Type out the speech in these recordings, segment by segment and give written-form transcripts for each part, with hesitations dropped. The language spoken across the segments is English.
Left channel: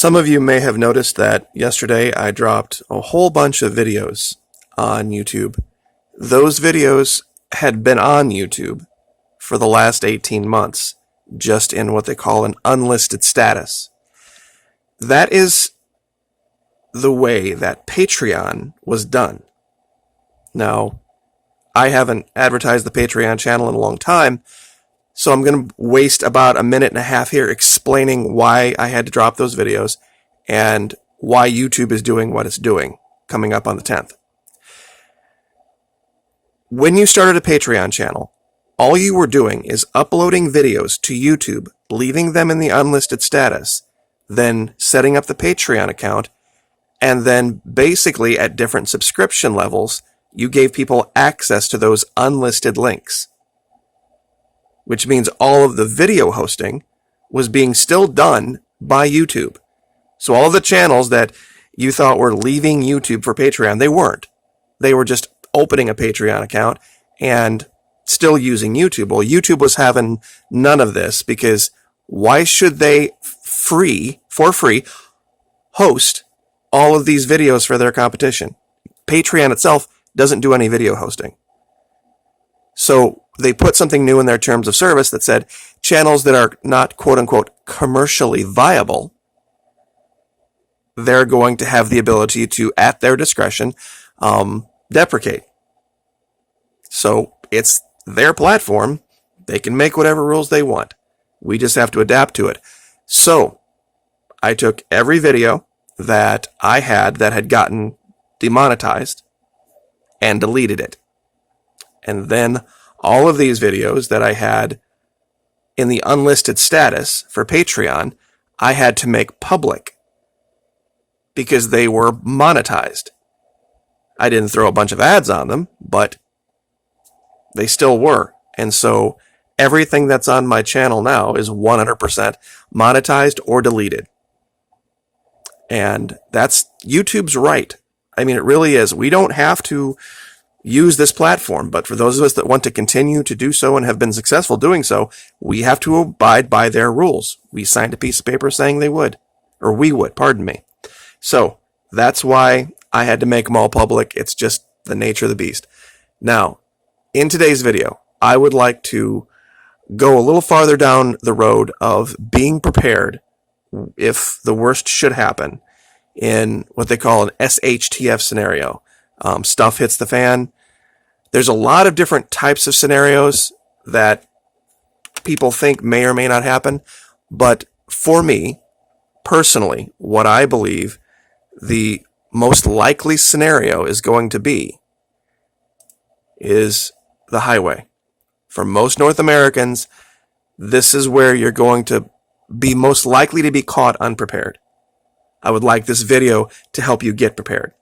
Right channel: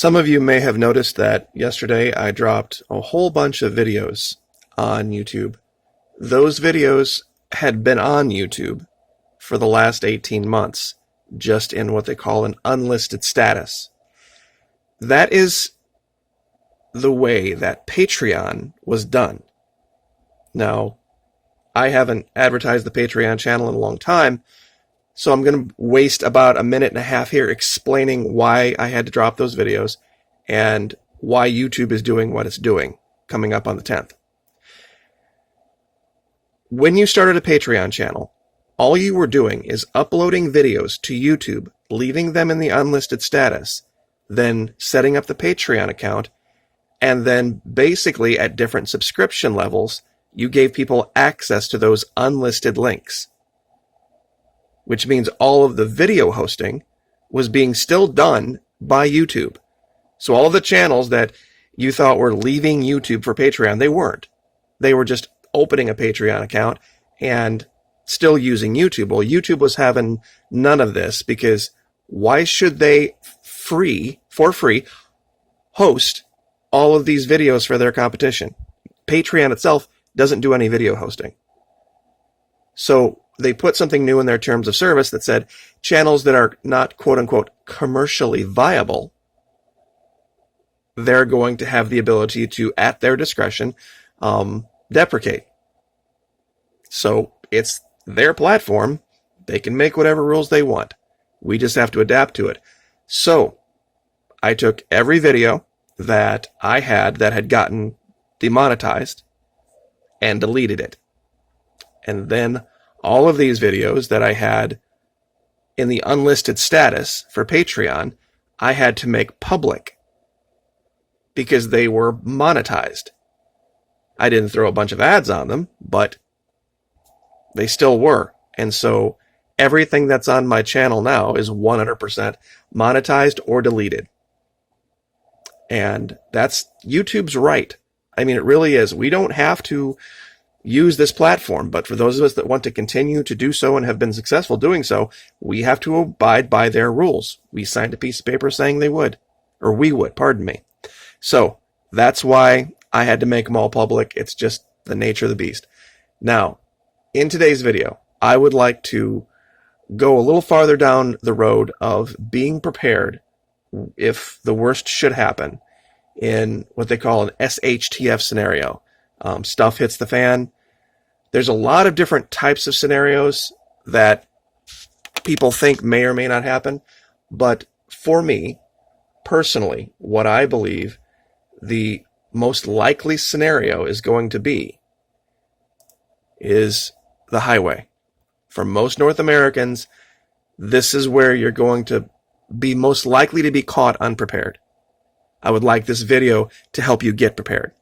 Some of you may have noticed that yesterday I dropped a whole bunch of videos on YouTube. Those videos had been on YouTube for the last 18 months, just in what they call an unlisted status. That is the way that Patreon was done. Now, I haven't advertised the Patreon channel in a long time, so I'm going to waste about a minute and a half here explaining why I had to drop those videos and why YouTube is doing what it's doing coming up on the 10th. When you started a Patreon channel, all you were doing is uploading videos to YouTube, leaving them in the unlisted status, then setting up the Patreon account, and then basically at different subscription levels, you gave people access to those unlisted links. Which means all of the video hosting was being still done by YouTube. So all the channels that you thought were leaving YouTube for Patreon, they weren't. They were just opening a Patreon account and still using YouTube. Well, YouTube was having none of this because why should they for free, host all of these videos for their competition? Patreon itself doesn't do any video hosting. So they put something new in their terms of service that said channels that are not quote-unquote commercially viable, they're going to have the ability to, at their discretion, deprecate. So it's their platform. They can make whatever rules they want. We just have to adapt to it. So I took every video that I had that had gotten demonetized and deleted it. And then all of these videos that I had in the unlisted status for Patreon, I had to make public because they were monetized. I didn't throw a bunch of ads on them, but they still were. And so everything that's on my channel now is 100% monetized or deleted. And that's YouTube's right. I mean, it really is. We don't have to use this platform, but for those of us that want to continue to do so and have been successful doing so, we have to abide by their rules. We signed a piece of paper saying they would, or we would, pardon me. So that's why I had to make them all public. It's just the nature of the beast. Now, in today's video, I would like to go a little farther down the road of being prepared if the worst should happen in what they call an SHTF scenario. Stuff hits the fan. There's a lot of different types of scenarios that people think may or may not happen, but for me, personally, what I believe the most likely scenario is going to be is the highway. For most North Americans, this is where you're going to be most likely to be caught unprepared. I would like this video to help you get prepared.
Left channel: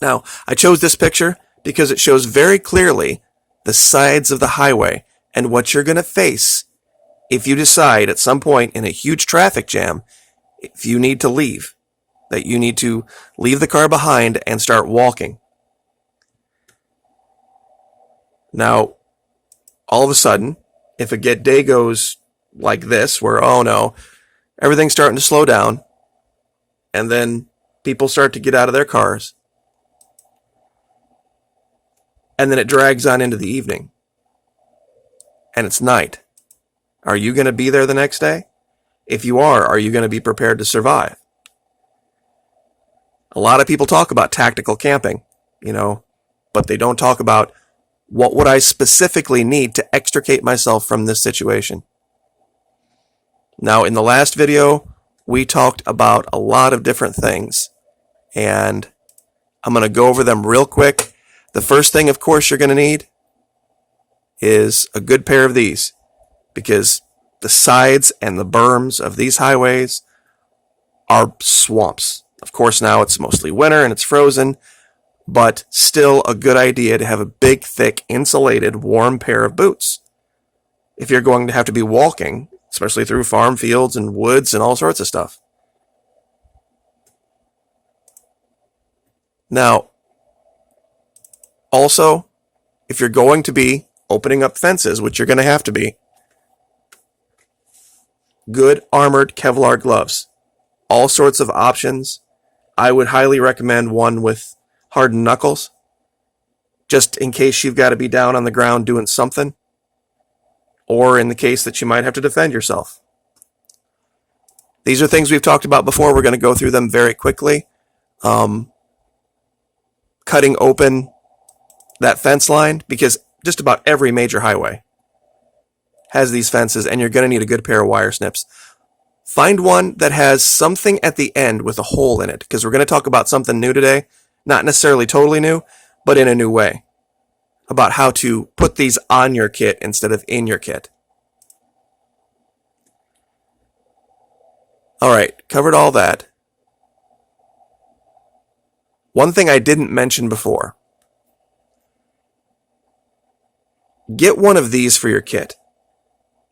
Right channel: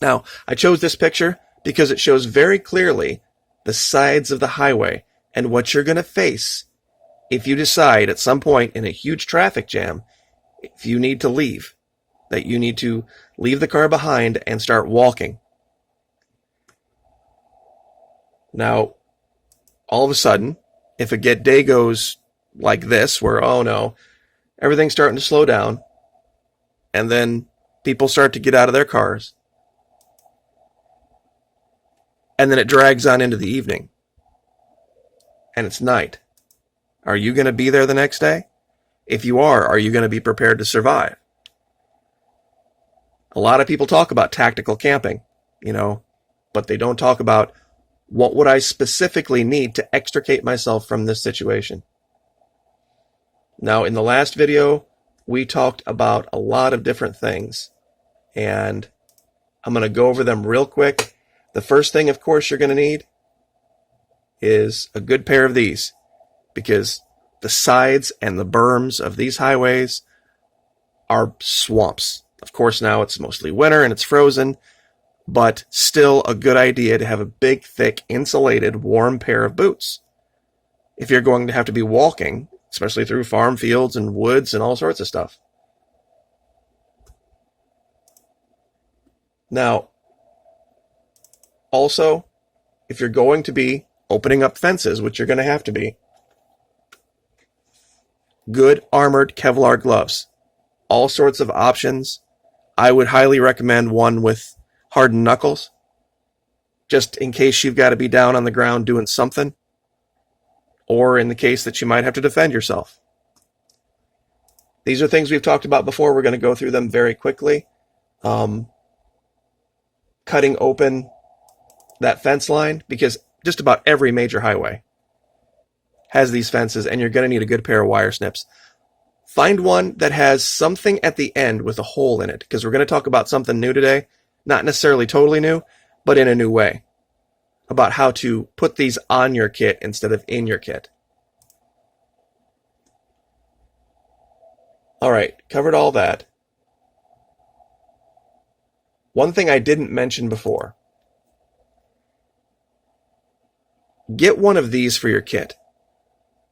Now, I chose this picture because it shows very clearly the sides of the highway and what you're going to face if you decide at some point in a huge traffic jam, if you need to leave, that you need to leave the car behind and start walking. Now, all of a sudden, if a day goes like this, where, oh no, everything's starting to slow down, and then people start to get out of their cars, and then it drags on into the evening, and it's night. Are you going to be there the next day? If you are you going to be prepared to survive? A lot of people talk about tactical camping, but they don't talk about what would I specifically need to extricate myself from this situation. Now, in the last video, we talked about a lot of different things, and I'm going to go over them real quick. The first thing, of course, you're going to need is a good pair of these, because the sides and the berms of these highways are swamps. Of course, now it's mostly winter and it's frozen, but still a good idea to have a big, thick, insulated, warm pair of boots. If you're going to have to be walking, especially through farm fields and woods and all sorts of stuff. Now, also, if you're going to be opening up fences, which you're going to have to be, good armored Kevlar gloves. all sorts of options. I would highly recommend one with hardened knuckles, just in case you've got to be down on the ground doing something, or in the case that you might have to defend yourself. These are things we've talked about before. We're going to go through them very quickly. Cutting open that fence line, because just about every major highway has these fences, and you're going to need a good pair of wire snips. Find one that has something at the end with a hole in it, because we're going to talk about something new today. Not necessarily totally new, but in a new way, about how to put these on your kit instead of in your kit. All right, covered all that. One thing I didn't mention before. Get one of these for your kit.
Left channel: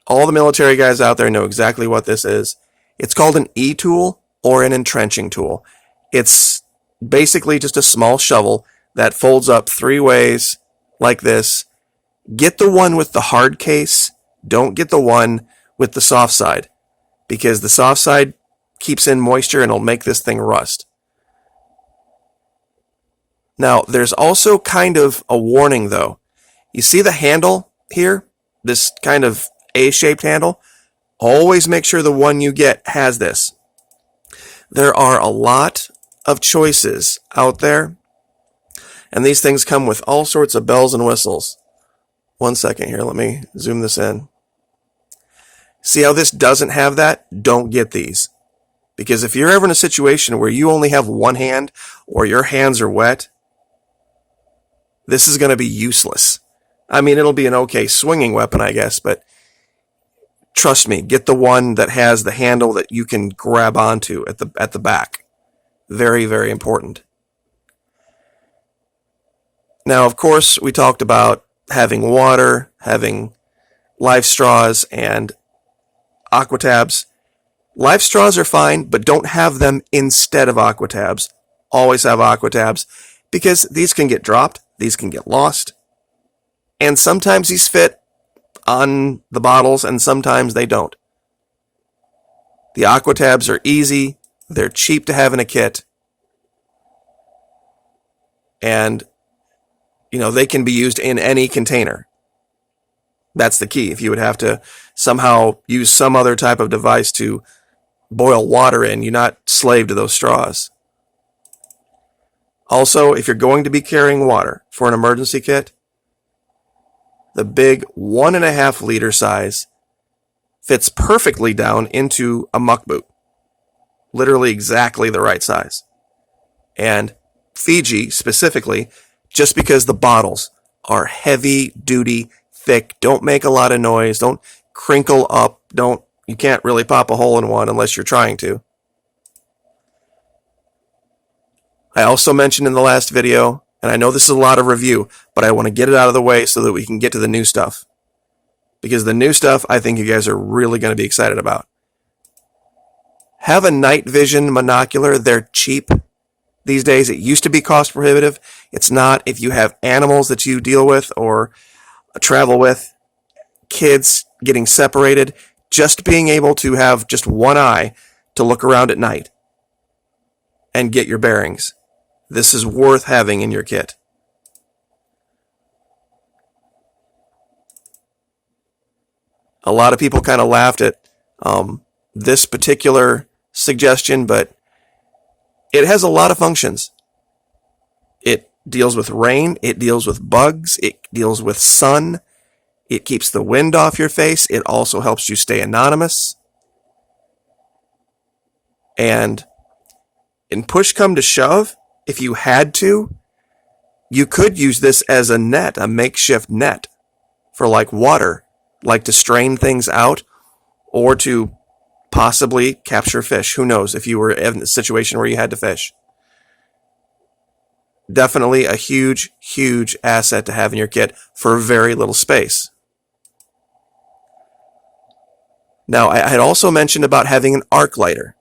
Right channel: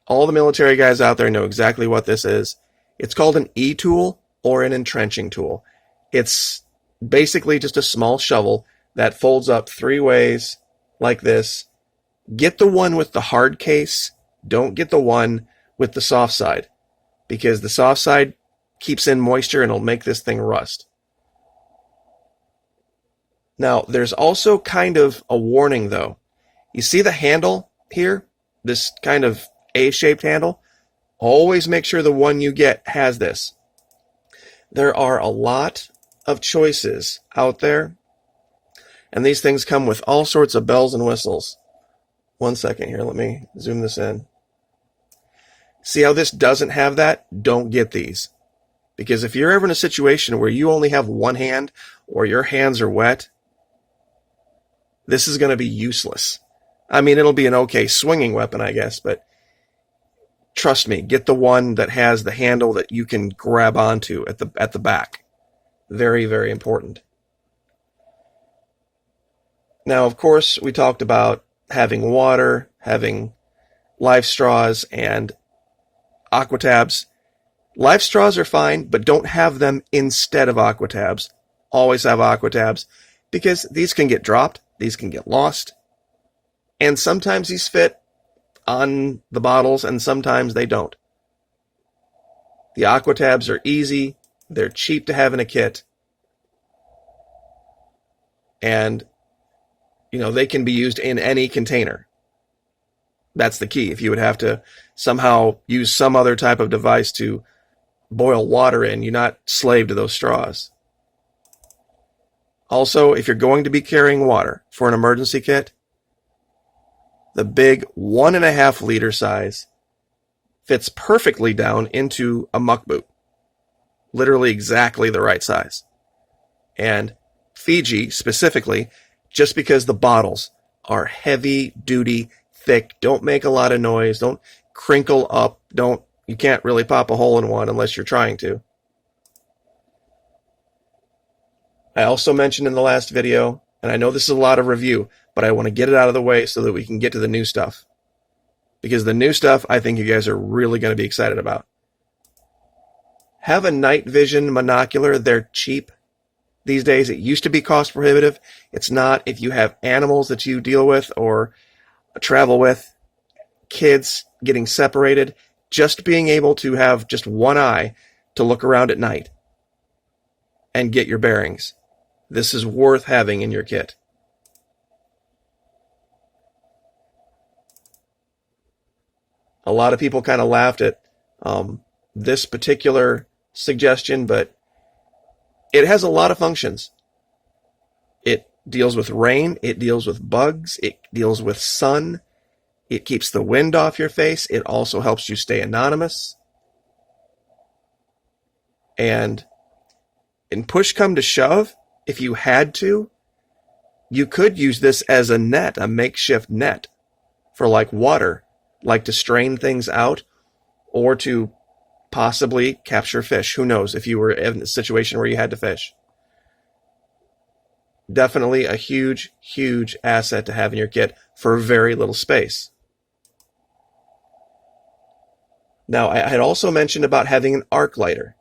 All the military guys out there know exactly what this is. It's called an E-tool or an entrenching tool. It's basically just a small shovel that folds up 3 ways like this. Get the one with the hard case. Don't get the one with the soft side, because the soft side keeps in moisture and it'll make this thing rust. Now, there's also kind of a warning though. You see the handle here? This kind of A-shaped handle? Always make sure the one you get has this. There are a lot of choices out there, and these things come with all sorts of bells and whistles. One second here, let me zoom this in. See how this doesn't have that? Don't get these. Because if you're ever in a situation where you only have one hand or your hands are wet, this is going to be useless. I mean, it'll be an okay swinging weapon, I guess, but trust me, get the one that has the handle that you can grab onto at the back. Very, very important. Now, of course, we talked about having water, having life straws, and aqua tabs. Life straws are fine, but don't have them instead of aqua tabs. Always have aqua tabs, because these can get dropped, these can get lost, and sometimes these fit on the bottles and sometimes they don't. The aqua tabs are easy, they're cheap to have in a kit, and they can be used in any container. That's the key. If you would have to somehow use some other type of device to boil water in, you're not slave to those straws. Also, if you're going to be carrying water for an emergency kit, the big 1.5 liter size fits perfectly down into a muck boot. Literally exactly the right size. And Fiji specifically, just because the bottles are heavy duty, thick, don't make a lot of noise, don't crinkle up, you can't really pop a hole in one unless you're trying to. I also mentioned in the last video, and I know this is a lot of review, but I want to get it out of the way so that we can get to the new stuff. Because the new stuff, I think you guys are really going to be excited about. Have a night vision monocular. They're cheap these days. It used to be cost prohibitive. It's not. If you have animals that you deal with or travel with, kids getting separated, just being able to have just one eye to look around at night and get your bearings. This is worth having in your kit. A lot of people kind of laughed at this particular suggestion, but it has a lot of functions. It deals with rain, it deals with bugs, it deals with sun, it keeps the wind off your face, it also helps you stay anonymous. And in push come to shove, if you had to, you could use this as a net, a makeshift net for like water, like to strain things out or to possibly capture fish. Who knows if you were in a situation where you had to fish. Definitely a huge, huge asset to have in your kit for very little space. Now, I had also mentioned about having an arc lighter.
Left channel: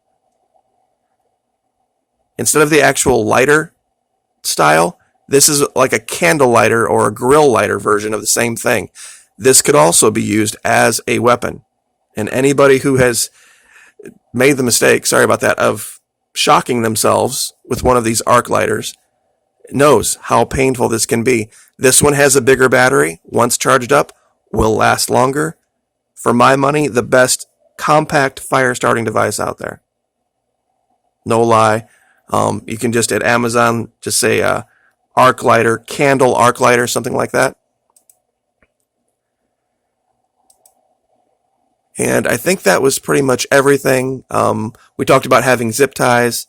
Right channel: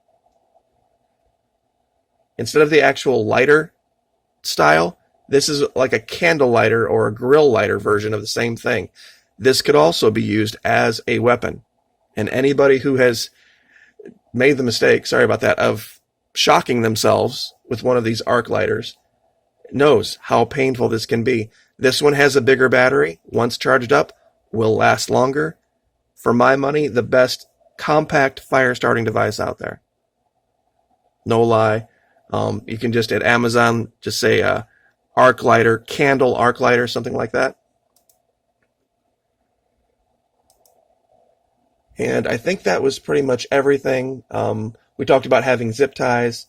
Instead of the actual lighter style, this is like a candle lighter or a grill lighter version of the same thing. This could also be used as a weapon. And anybody who has made the mistake, sorry about that, of shocking themselves with one of these arc lighters knows how painful this can be. This one has a bigger battery. Once charged up, will last longer. For my money, the best compact fire starting device out there. No lie. You can just at Amazon just say arc lighter, candle arc lighter, something like that. And I think that was pretty much everything. We talked about having zip ties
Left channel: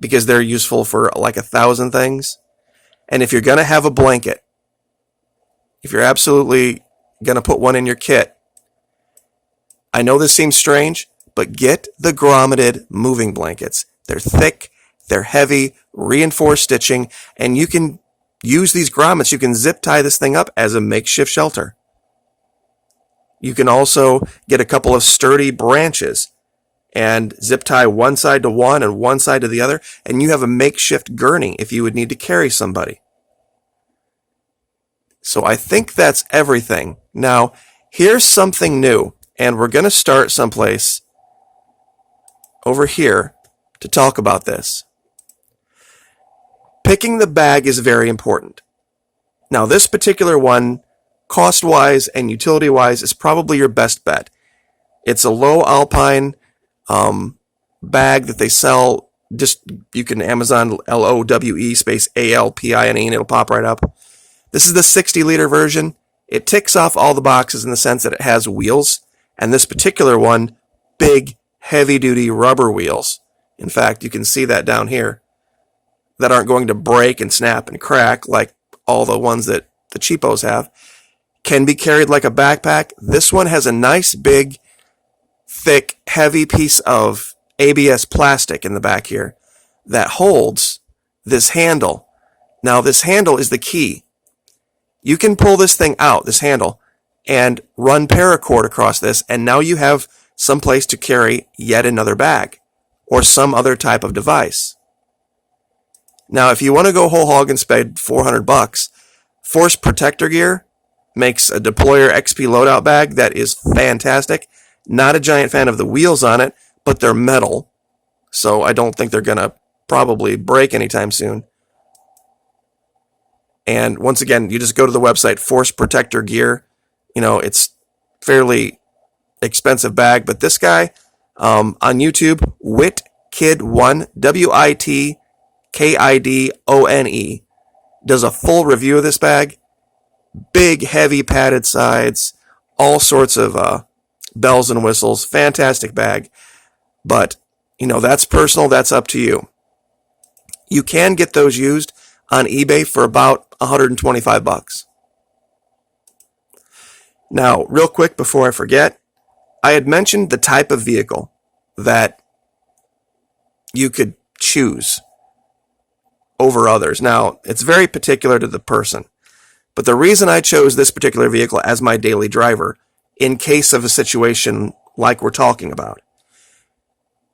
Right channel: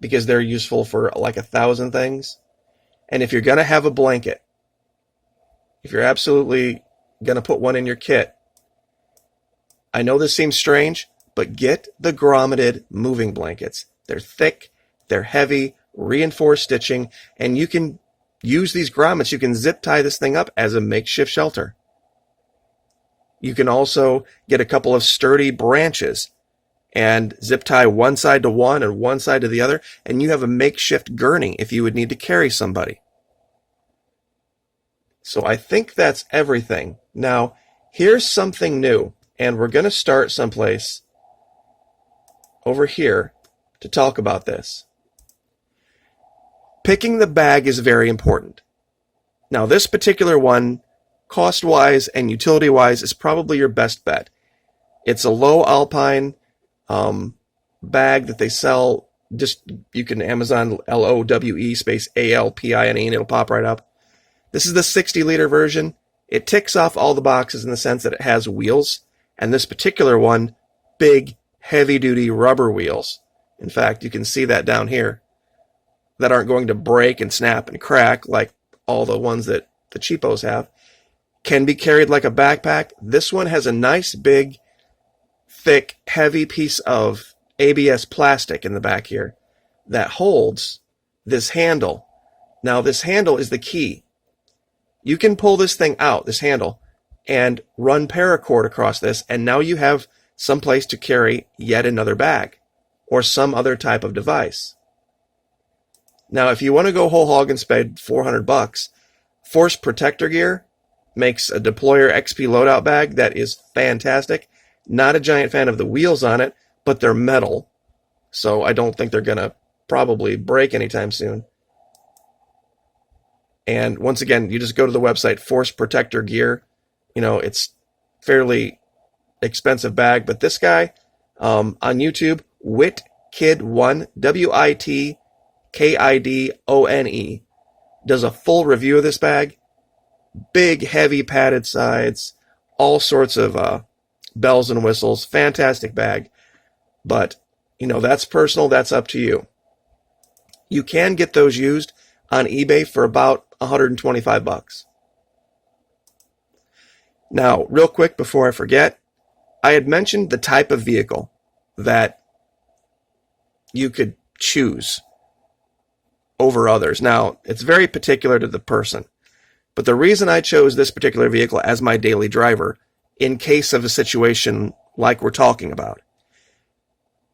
because they're useful for like 1,000 things. And if you're going to have a blanket, if you're absolutely going to put one in your kit, I know this seems strange, but get the grommeted moving blankets. They're thick, they're heavy, reinforced stitching, and you can use these grommets. You can zip tie this thing up as a makeshift shelter. You can also get a couple of sturdy branches and zip tie one side to one and one side to the other, and you have a makeshift gurney if you would need to carry somebody. So I think that's everything. Now, here's something new, and we're going to start someplace over here to talk about this. Picking the bag is very important. Now, this particular one, cost-wise and utility-wise, is probably your best bet. It's a low alpine bag that they sell. Just you can Amazon LOWE space ALPINE and it'll pop right up. This is the 60-liter version. It ticks off all the boxes in the sense that it has wheels, and this particular one, big, heavy-duty rubber wheels. In fact, you can see that down here, that aren't going to break and snap and crack like all the ones that the cheapos have. Can be carried like a backpack. This one has a nice, big, thick, heavy piece of ABS plastic in the back here that holds this handle. Now, this handle is the key. You can pull this thing out, this handle, and run paracord across this, and now you have some place to carry yet another bag or some other type of device. Now, if you want to go whole hog and spend $400, Force Protector Gear makes a Deployer XP loadout bag that is fantastic. Not a giant fan of the wheels on it, but they're metal, so I don't think they're going to probably break anytime soon. And once again, you just go to the website, Force Protector Gear. You know, it's fairly expensive bag, but this guy on YouTube, WitKid1, WITKIDONE, does a full review of this bag. Big, heavy, padded sides, all sorts of bells and whistles. Fantastic bag. But, you know, that's personal. That's up to you. You can get those used on eBay for about $125. Now, real quick before I forget, I had mentioned the type of vehicle that you could choose over others. Now, it's very particular to the person, but the reason I chose this particular vehicle as my daily driver, in case of a situation like we're talking about,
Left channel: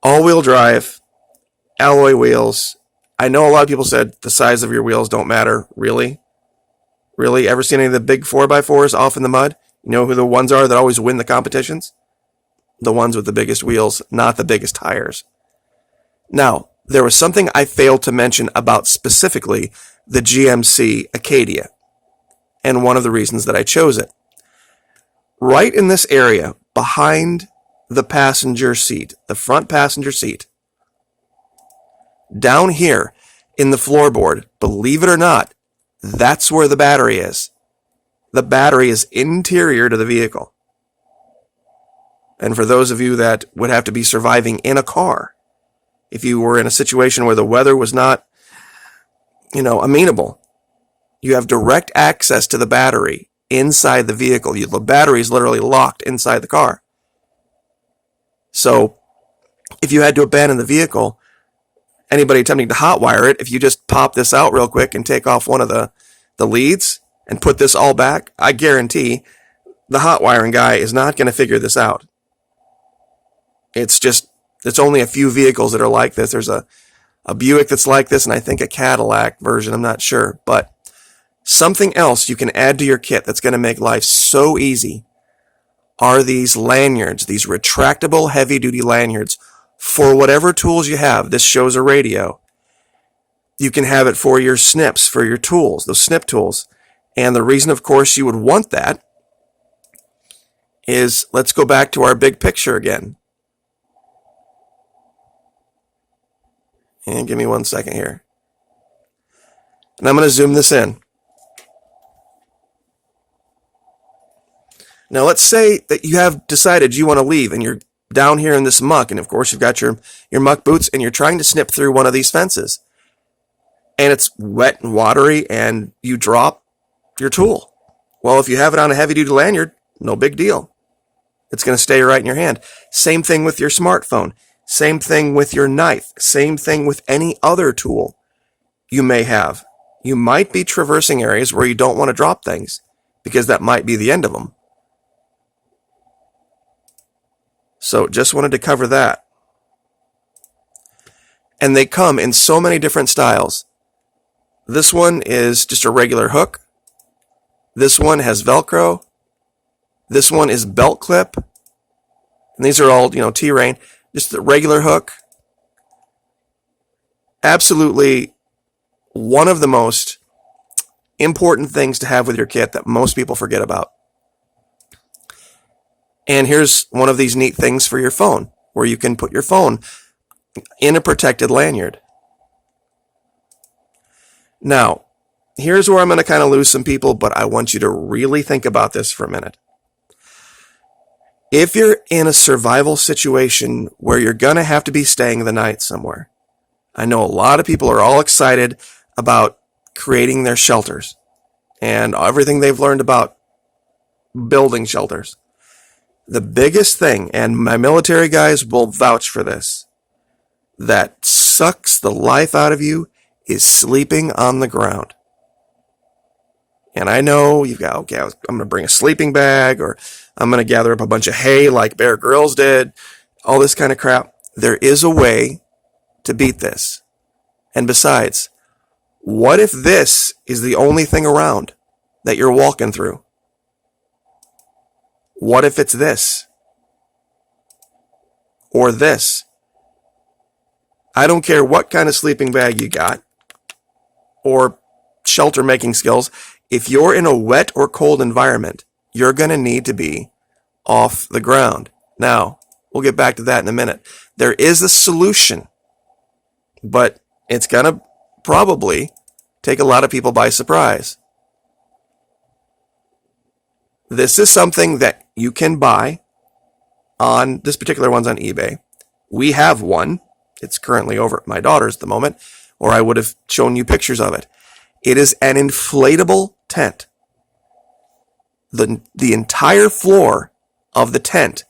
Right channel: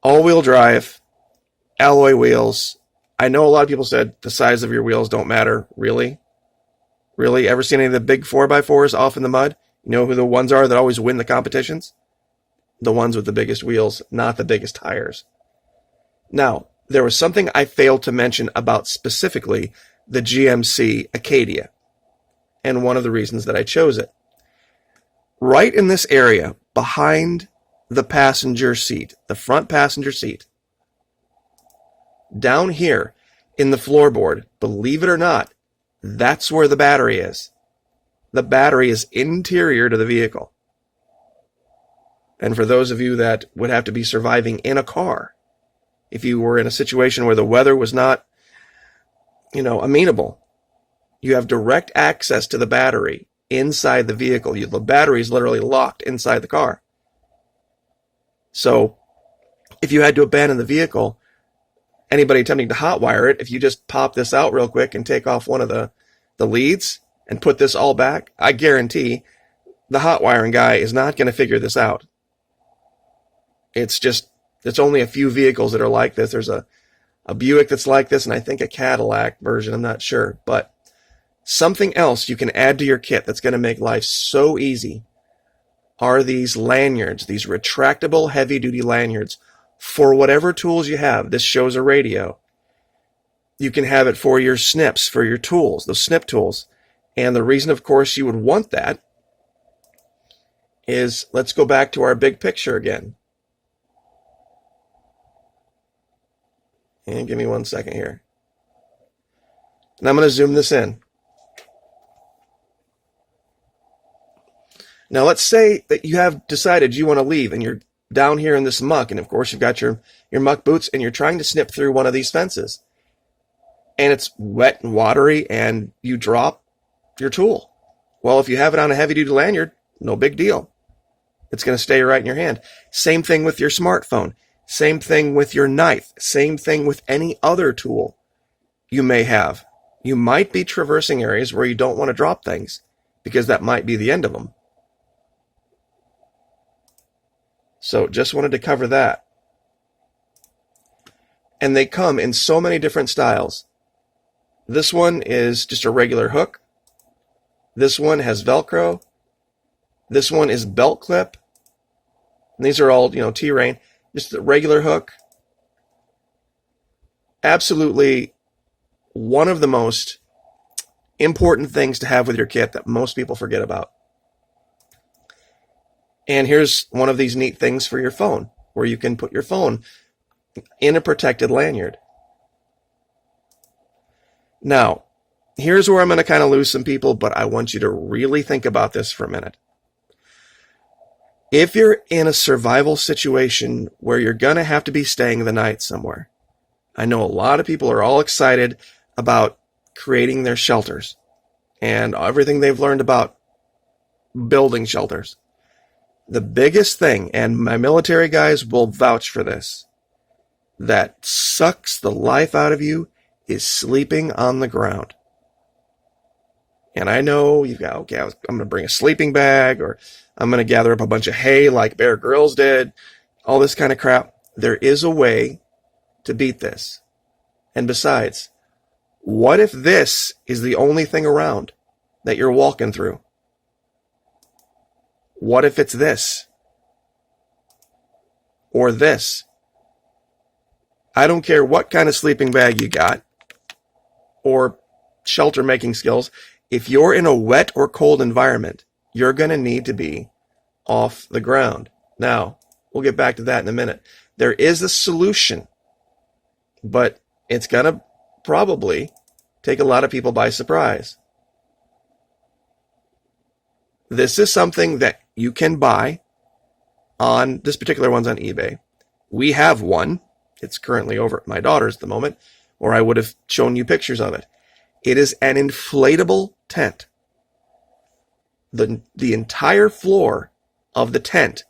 all-wheel drive, alloy wheels. I know a lot of people said the size of your wheels don't matter. Really? Really? Ever seen any of the big 4x4s off in the mud? You know who the ones are that always win the competitions? The ones with the biggest wheels, not the biggest tires. Now, there was something I failed to mention about specifically the GMC Acadia, and one of the reasons that I chose it. Right in this area, behind the passenger seat, the front passenger seat, down here in the floorboard, believe it or not, that's where the battery is. The battery is interior to the vehicle. And for those of you that would have to be surviving in a car, if you were in a situation where the weather was not, amenable, you have direct access to the battery inside the vehicle. The battery is literally locked inside the car. So if you had to abandon the vehicle, anybody attempting to hotwire it, if you just pop this out real quick and take off one of the leads and put this all back, I guarantee the hotwiring guy is not going to figure this out. It's only a few vehicles that are like this. There's a Buick that's like this, and I think a Cadillac version, I'm not sure. But something else you can add to your kit that's going to make life so easy are these lanyards, these retractable heavy-duty lanyards for whatever tools you have. This shows a radio. You can have it for your snips, for your tools, those snip tools. And the reason, of course, you would want that is, let's go back to our big picture again. And give me 1 second here. And I'm going to zoom this in. Now let's say that you have decided you want to leave and you're down here in this muck, and of course you've got your muck boots and you're trying to snip through one of these fences. And it's wet and watery and you drop your tool. Well, if you have it on a heavy-duty lanyard, no big deal. It's going to stay right in your hand. Same thing with your smartphone. Same thing with your knife. Same thing with any other tool you may have. You might be traversing areas where you don't want to drop things because that might be the end of them. So just wanted to cover that. And they come in so many different styles. This one is just a regular hook. This one has Velcro. This one is belt clip. And these are all, T-Rain. Just a regular hook. Absolutely one of the most important things to have with your kit that most people forget about. And here's one of these neat things for your phone, where you can put your phone in a protected lanyard. Now, here's where I'm going to kind of lose some people, but I want you to really think about this for a minute. If you're in a survival situation where you're going to have to be staying the night somewhere, I know a lot of people are all excited about creating their shelters and everything they've learned about building shelters. The biggest thing, and my military guys will vouch for this, that sucks the life out of you is sleeping on the ground. And I know you've got, okay, I'm going to bring a sleeping bag, or I'm going to gather up a bunch of hay like Bear Grylls did, all this kind of crap. There is a way to beat this. And besides, what if this is the only thing around that you're walking through? What if it's this? Or this? I don't care what kind of sleeping bag you got or shelter making skills. If you're in a wet or cold environment, you're going to need to be off the ground. Now, we'll get back to that in a minute. There is a solution, but it's going to probably take a lot of people by surprise. This is something that you can buy on, this particular one's on eBay. We have one. It's currently over at my daughter's at the moment, or I would have shown you pictures of it. It is an inflatable tent. The entire floor of the tent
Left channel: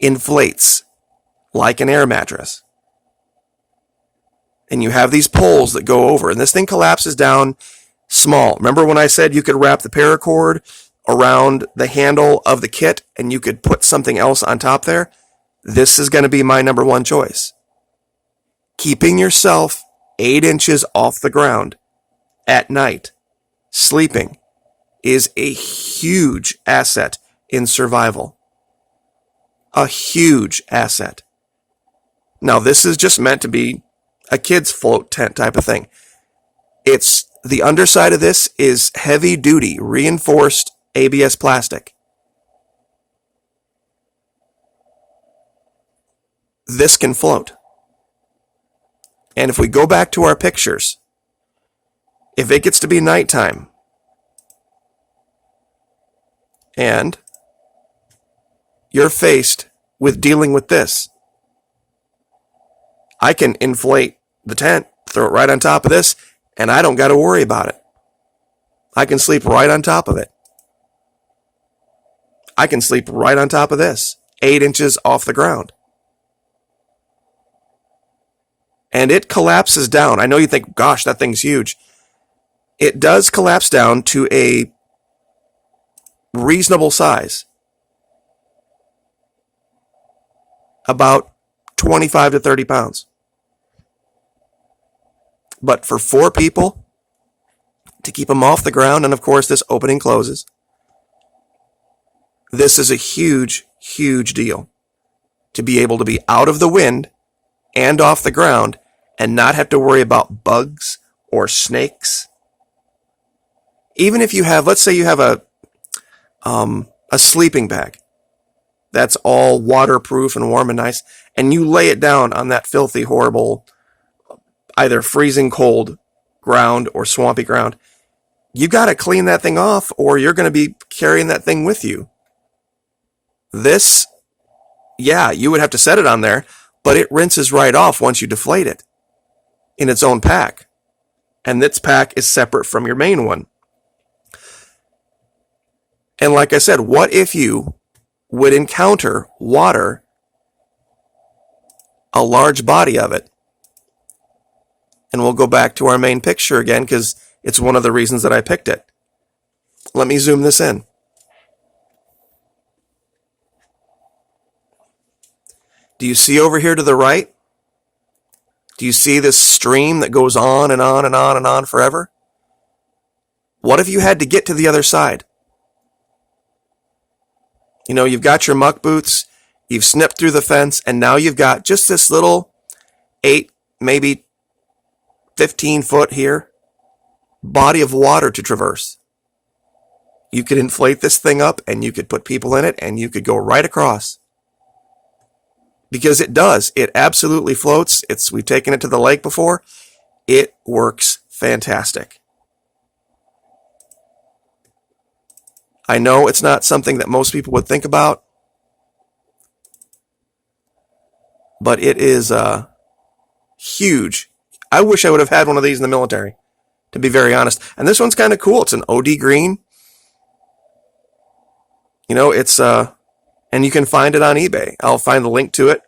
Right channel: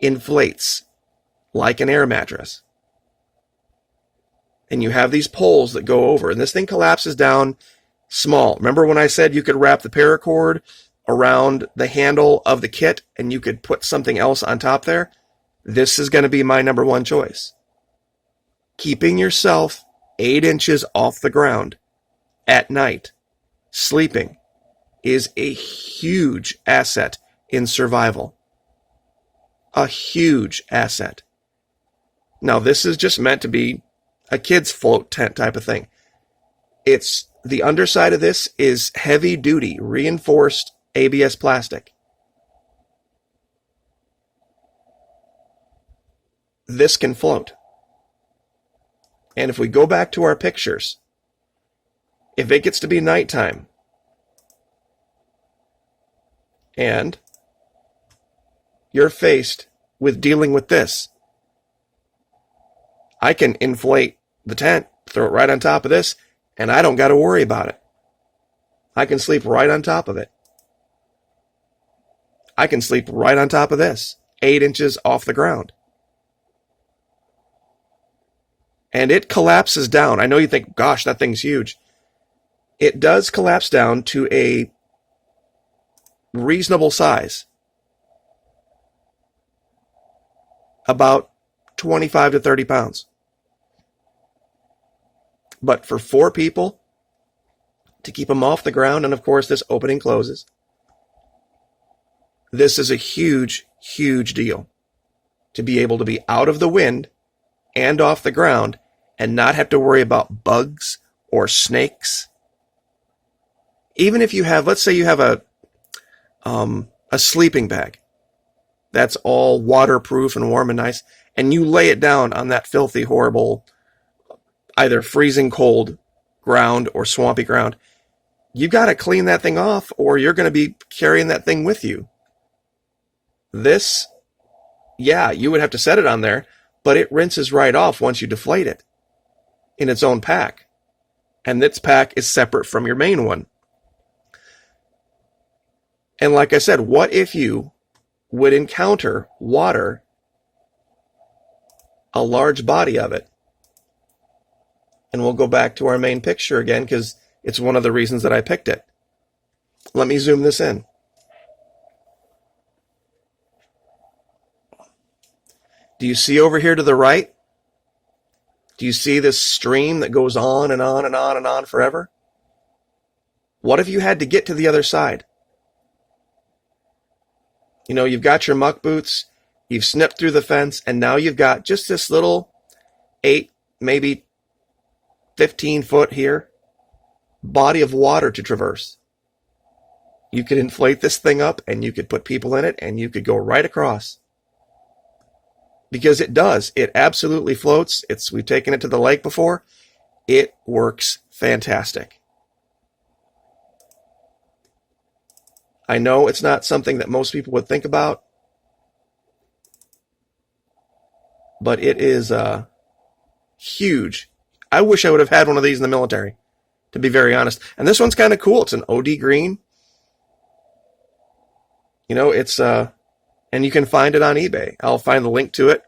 inflates like an air mattress. And you have these poles that go over, and this thing collapses down small. Remember when I said you could wrap the paracord around the handle of the kit and you could put something else on top there? This is going to be my number one choice. Keeping yourself 8 inches off the ground at night, sleeping, is a huge asset in survival. A huge asset. Now, this is just meant to be a kid's float tent type of thing. It's the underside of this is heavy duty reinforced ABS plastic. This can float. And if we go back to our pictures, if it gets to be nighttime and you're faced with dealing with this, I can inflate the tent, throw it right on top of this, and I don't got to worry about it. I can sleep right on top of it. I can sleep right on top of this, 8 inches off the ground. And it collapses down. I know you think, gosh, that thing's huge. It does collapse down to a reasonable size. About 25 to 30 pounds. But for 4 people, to keep them off the ground, and of course this opening closes, this is a huge, huge deal. To be able to be out of the wind and off the ground and not have to worry about bugs or snakes. Even if you have, let's say you have a sleeping bag that's all waterproof and warm and nice, and you lay it down on that filthy, horrible, either freezing cold ground or swampy ground, you got to clean that thing off or you're going to be carrying that thing with you. This, yeah, you would have to set it on there, but it rinses right off once you deflate it in its own pack. And this pack is separate from your main one. And like I said, what if you would encounter water, a large body of it? And we'll go back to our main picture again because it's one of the reasons that I picked it. Let me zoom this in. Do you see over here to the right? Do you see this stream that goes on and on and on and on forever? What if you had to get to the other side? You know, you've got your muck boots, you've snipped through the fence, and now you've got just this little 8, maybe 15 foot here body of water to traverse. You could inflate this thing up and you could put people in it and you could go right across. Because it does. It absolutely floats. We've taken it to the lake before. It works fantastic. I know it's not something that most people would think about, but it is huge. I wish I would have had one of these in the military, to be very honest. And this one's kind of cool. It's an OD green. You know, it's and you can find it on eBay. I'll find the link to it.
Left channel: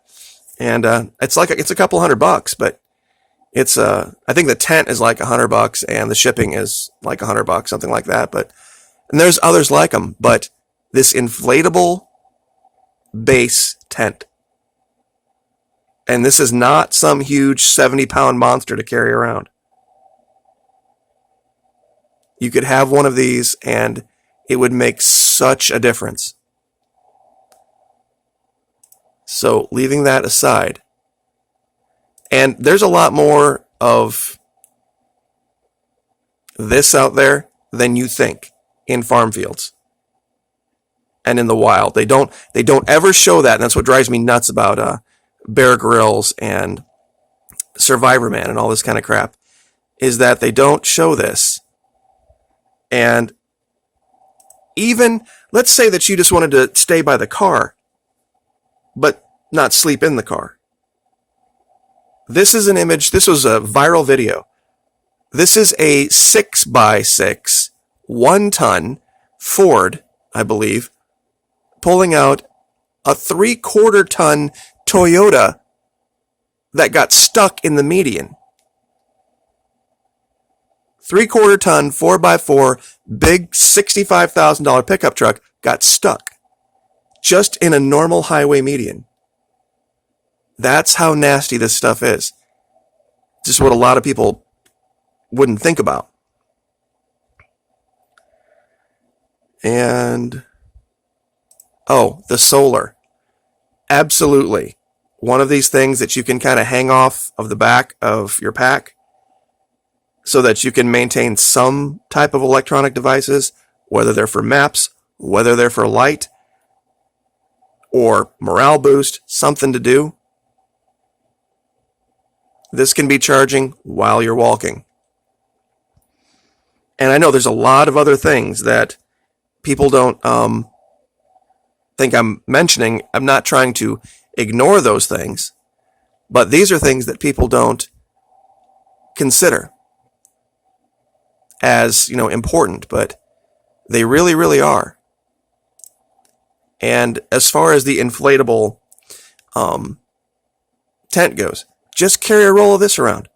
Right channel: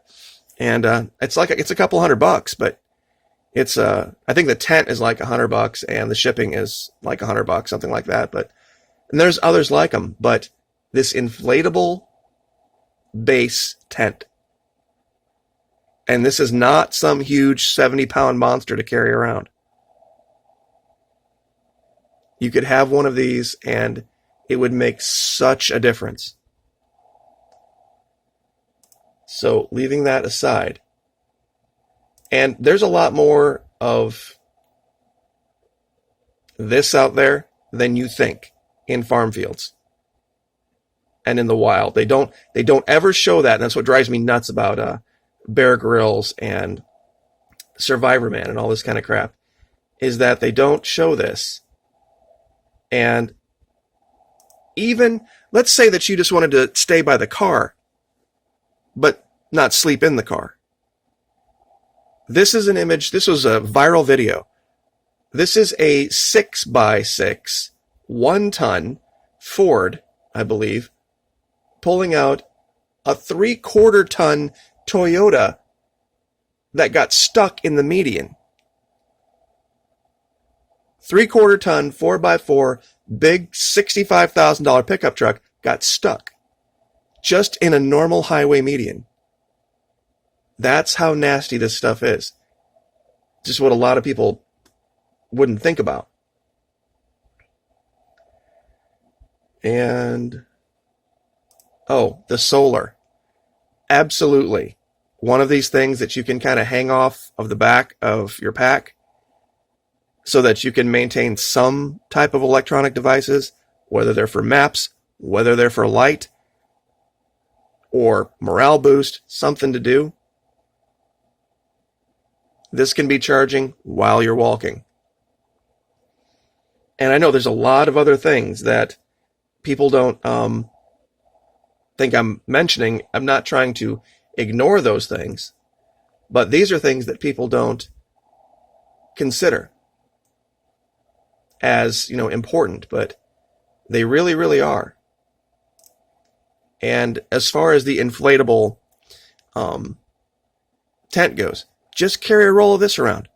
And it's a couple $100, but it's I think the tent is like $100 and the shipping is like $100, something like that. And there's others like them, but this inflatable base tent, and this is not some huge 70-pound monster to carry around. You could have one of these and it would make such a difference. So leaving that aside, and there's a lot more of this out there than you think in farm fields and in the wild. They don't ever show that, and that's what drives me nuts about Bear Grylls and Survivor Man and all this kind of crap, is that they don't show this. And even, let's say that you just wanted to stay by the car, but not sleep in the car. This is an image, this was a viral video. This is a 6x6, 1-ton Ford, I believe, pulling out a 3/4-ton Toyota that got stuck in the median. 3/4-ton, 4x4, big $65,000 pickup truck got stuck just in a normal highway median. That's how nasty this stuff is. Just what a lot of people wouldn't think about. And, oh, the solar. Absolutely. One of these things that you can kind of hang off of the back of your pack so that you can maintain some type of electronic devices, whether they're for maps, whether they're for light, or morale boost, something to do. This can be charging while you're walking. And I know there's a lot of other things that people don't think I'm mentioning. I'm not trying to ignore those things, but these are things that people don't consider as, important, but they really, really are. And as far as the inflatable tent goes, just carry a roll of this around.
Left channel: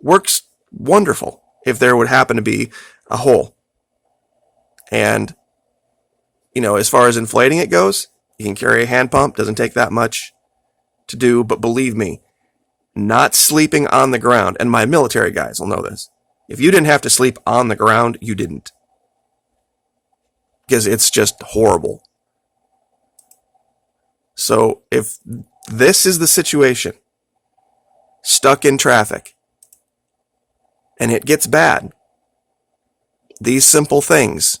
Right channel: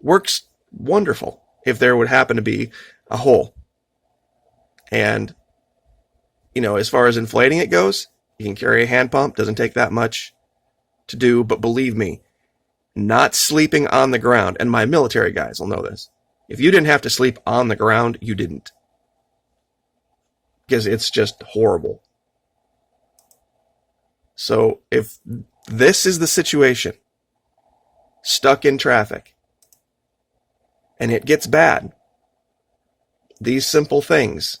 Works wonderful if there would happen to be a hole. And, as far as inflating it goes, you can carry a hand pump. Doesn't take that much to do, but believe me, not sleeping on the ground, and my military guys will know this. If you didn't have to sleep on the ground, you didn't. Because it's just horrible. So if This is the situation. Stuck in traffic. And it gets bad. These simple things.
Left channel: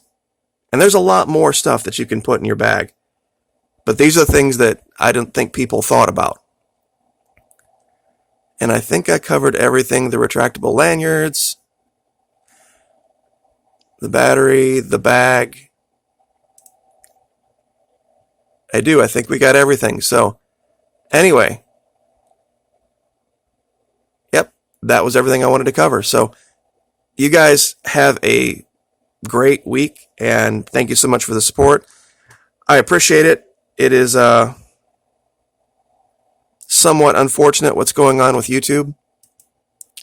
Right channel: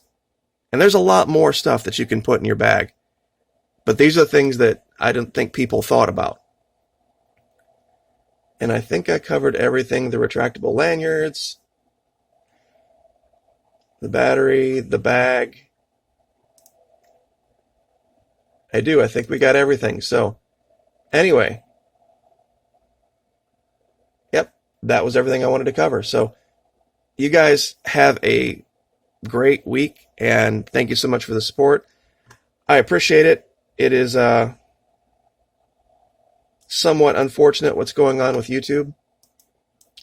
And there's a lot more stuff that you can put in your bag. But these are things that I don't think people thought about. And I think I covered everything. The retractable lanyards, the battery, the bag. I think we got everything. So, anyway. Yep, that was everything I wanted to cover. So, you guys have a great week, and thank you so much for the support. I appreciate it. It is somewhat unfortunate what's going on with YouTube.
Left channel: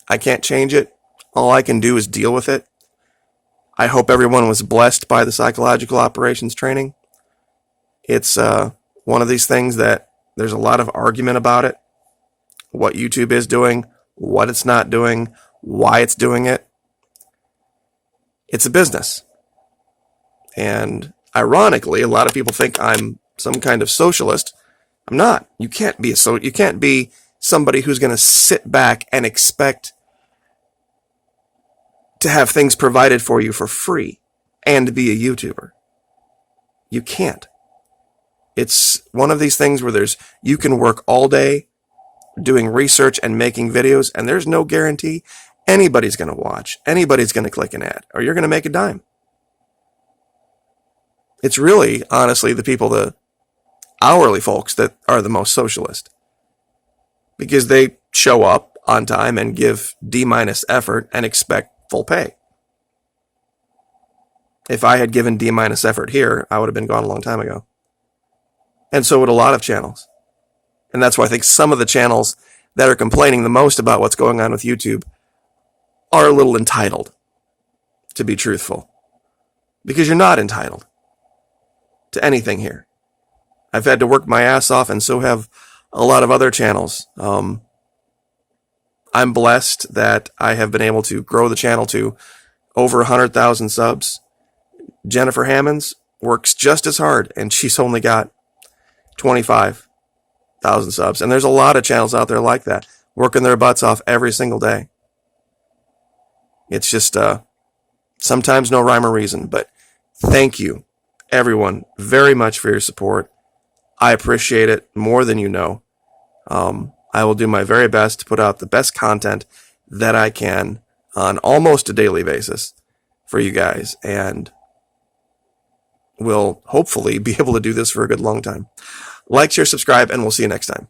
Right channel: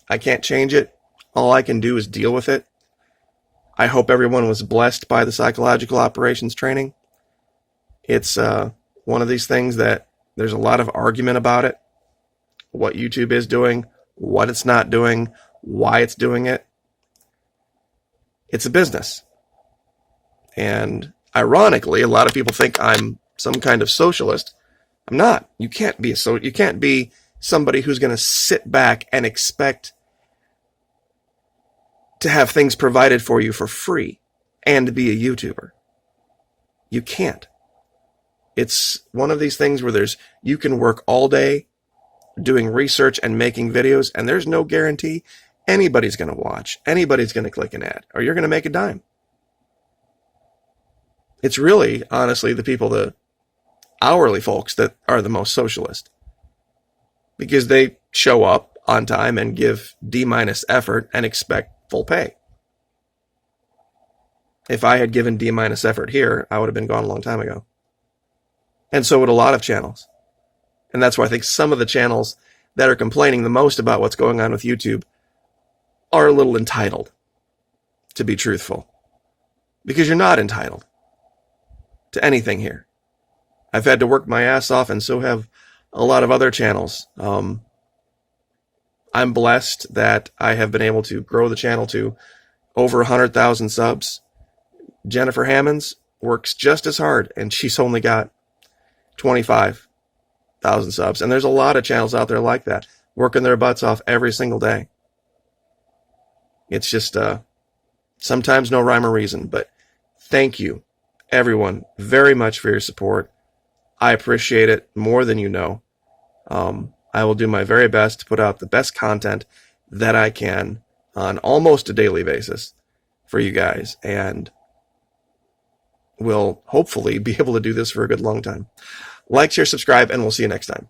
I can't change it. All I can do is deal with it. I hope everyone was blessed by the psychological operations training. It's one of these things that there's a lot of argument about it. What YouTube is doing, what it's not doing, why it's doing it. It's a business. And ironically, a lot of people think I'm some kind of socialist. I'm not. You can't be somebody who's going to sit back and expect to have things provided for you for free and be a YouTuber. You can't. It's one of these things where you can work all day doing research and making videos, and there's no guarantee anybody's going to watch, anybody's going to click an ad, or you're going to make a dime. It's really, honestly, the hourly folks that are the most socialist, because they show up on time and give D- effort and expect full pay. If I had given D- effort here, I would have been gone a long time ago. And so would a lot of channels. And that's why I think some of the channels that are complaining the most about what's going on with YouTube are a little entitled, to be truthful. Because you're not entitled to anything here. I've had to work my ass off, and so have a lot of other channels. I'm blessed that I have been able to grow the channel to over 100,000 subs. Jennifer Hammonds works just as hard, and she's only got 25,000 subs. And there's a lot of channels out there like that, working their butts off every single day. It's just sometimes no rhyme or reason. But thank you, everyone, very much for your support. I appreciate it more than you know. I will do my very best to put out the best content that I can on almost a daily basis for you guys. And we'll hopefully be able to do this for a good long time. Like, share, subscribe, and we'll see you next time.